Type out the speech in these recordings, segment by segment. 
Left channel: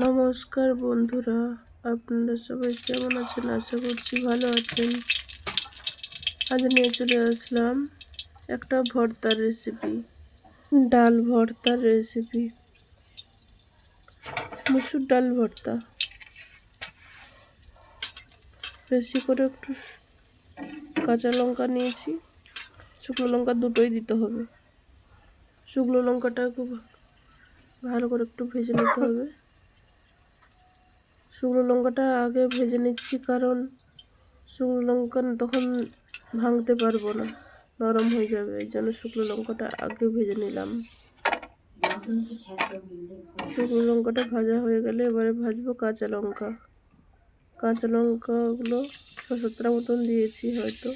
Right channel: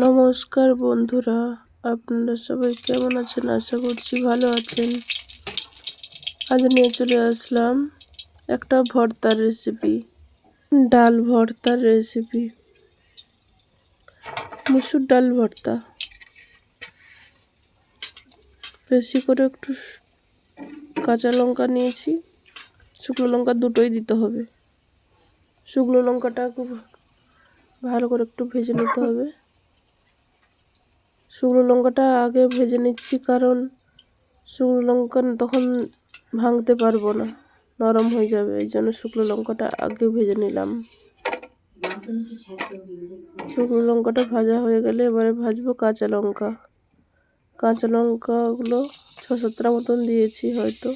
নমস্কার বন্ধুরা, আপনারা সবাই কেমন আছেন? আশা করছি ভালো আছেন। আজ নিয়ে চলে আসলাম একটা ভর্তার রেসিপি ডাল ভর্তার রেসিপি মুসুর ডাল ভর্তা। বেশি করে একটু কাঁচা লঙ্কা নিয়েছি। শুকনো লঙ্কা দুটোই দিতে হবে। শুকনো লঙ্কাটা খুব ভালো করে একটু ভেজে নিতে হবে। শুকনো লঙ্কাটা আগে ভেজে নিচ্ছি, কারণ শুকনো লঙ্কা তখন ভাঙতে পারব না, নরম হয়ে যাবে, এই জন্য শুকনো লঙ্কাটা আগে ভেজে নিলাম। শুকনো লঙ্কাটা ভাজা হয়ে গেলে এবারে ভাজবো কাঁচা লঙ্কা। কাঁচা লঙ্কাগুলো ছ সাতটা মতন দিয়েছি হয়তো।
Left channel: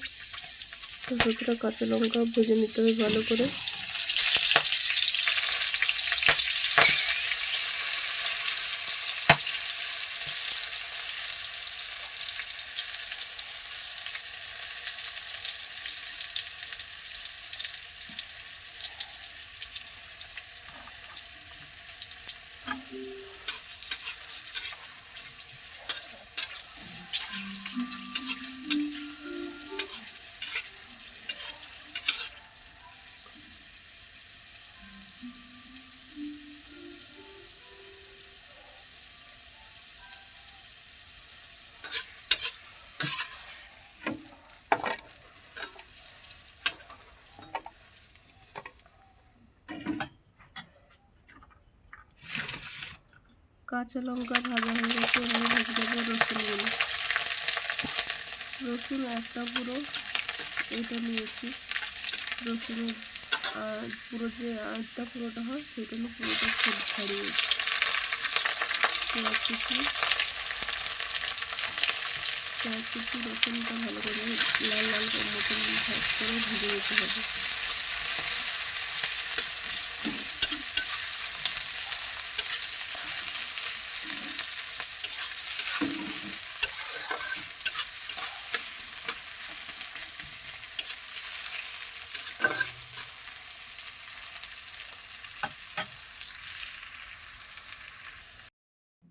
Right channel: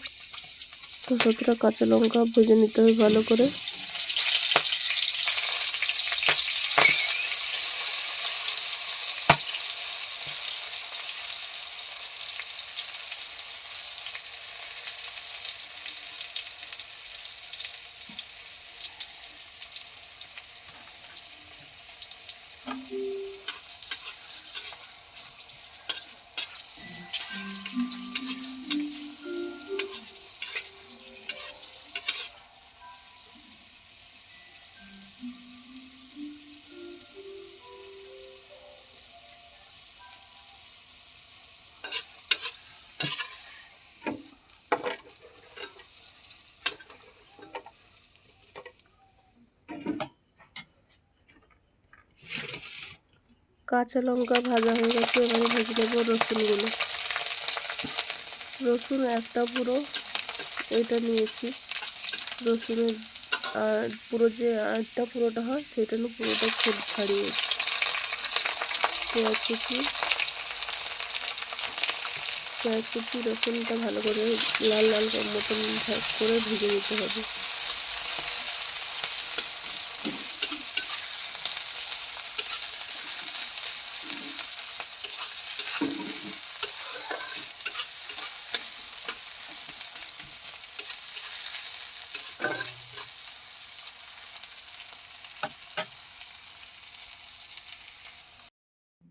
ছ কাঁচা লঙ্কা ভেজে নিতে হবে ভালো করে। কাঁচা লঙ্কা ভাজা হয়ে গেছে, এবারে ভেজে দেবো রসুনগুলো। রসুন একটা পুরো এটা নিয়েছি। রসুনের পুরো যে আটটা পুরোটা হয়, সেটা নিয়ে পুরোটা খুব ছাড়িয়ে পেঁয়াজ কুচি। পেঁয়াজ কুচি, রসুনটা ভালো করে লাল লাল মতন ভাগ করে ভেজে নিতে হবে।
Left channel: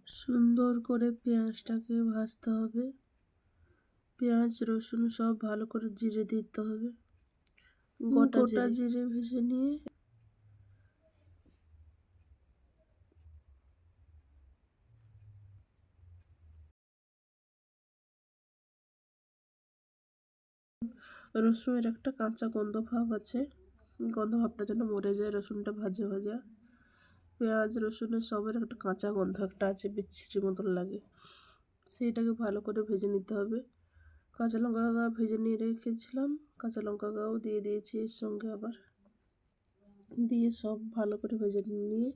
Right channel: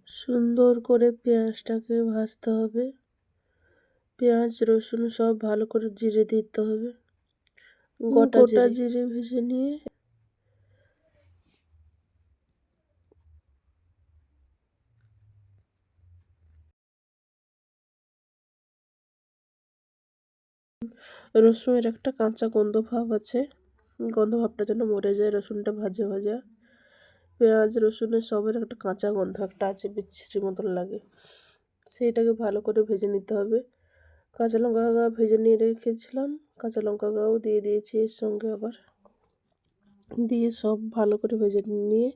সুন্দর করে পেঁয়াজটাকে ভাজতে হবে। পেঁয়াজ রসুন সব ভালো করে জিরে দিতে হবে। গোটা জিরে ভেজে নিয়ে রসুনের একটা কাঁচা গন্ধ ভাব আছে। গন্ধ ভাবটা যেন মরে যায়, রসুনটা ভাজা ভাজা। পেঁয়াজ রসুনের সবের একটা কাঁচা গন্ধ একটা আছে, বিচ্ছিরি মতন লাগে। সেইটাকে ভালো করে ভেজে নিতে হবে। কাঁচা লঙ্কা গা ভেজে নিয়ে রেখেছিলাম। কাঁচা লঙ্কা গাও দিয়ে দিয়েছি এর সঙ্গে আবার। দিয়ে সব ভালো করে ভেজে নিয়ে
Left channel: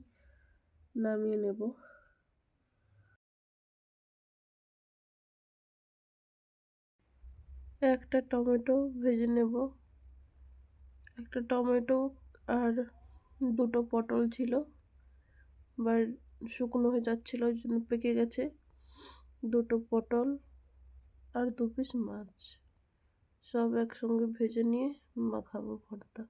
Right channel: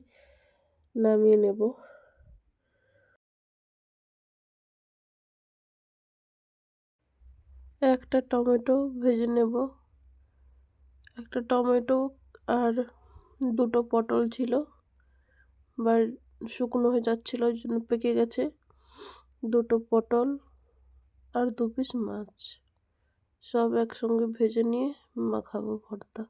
নামিয়ে নেব। একটা টমেটো ভেজে নেব। একটা টমেটো আর দুটো পটল ছিল বা শুকনো হয়ে যাচ্ছিল, ওই জন্য পেকে গেছে। দুটো পটল আর দু পিস মাছ, সব একসঙ্গে ভেজে নিয়ে মাখাবো ভর্তা।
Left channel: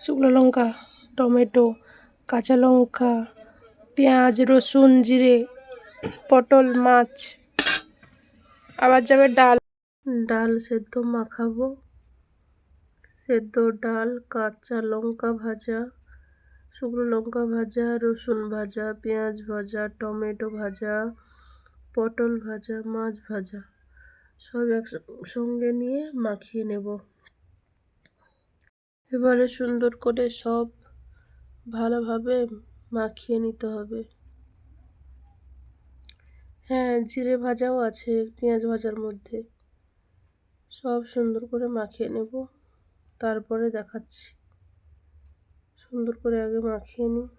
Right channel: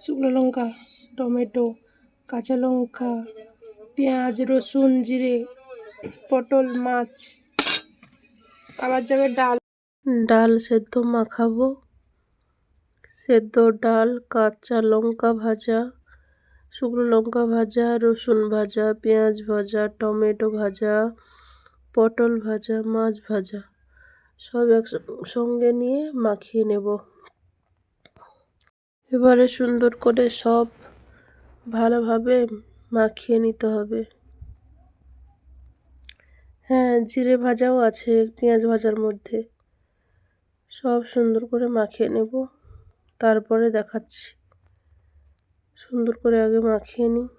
শুকনো লঙ্কা, টমেটো, কাঁচা লঙ্কা, পেঁয়াজ, রসুন, জিরে, পটল, মাছ। আবার যাবে ডাল। ডাল সেদ্ধ মাখাবো। সেদ্ধ ডাল, কাঁচা লঙ্কা ভাজা, শুকনো লঙ্কা ভাজা, রসুন ভাজা, পেঁয়াজ ভাজা, টমেটো ভাজা, পটল ভাজা, মাছ ভাজা, সব একসঙ্গে নিয়ে মাখিয়ে নেব। এবারে সুন্দর করে সব ভালোভাবে মাখিয়ে নিতে হবে। হ্যাঁ জিরে ভাজাও আছে, পেঁয়াজ ভাজার মধ্যে। সব সুন্দর করে মাখিয়ে নেব। তারপরে দেখাচ্ছি। সুন্দর করে আগে মাখিয়ে নিই।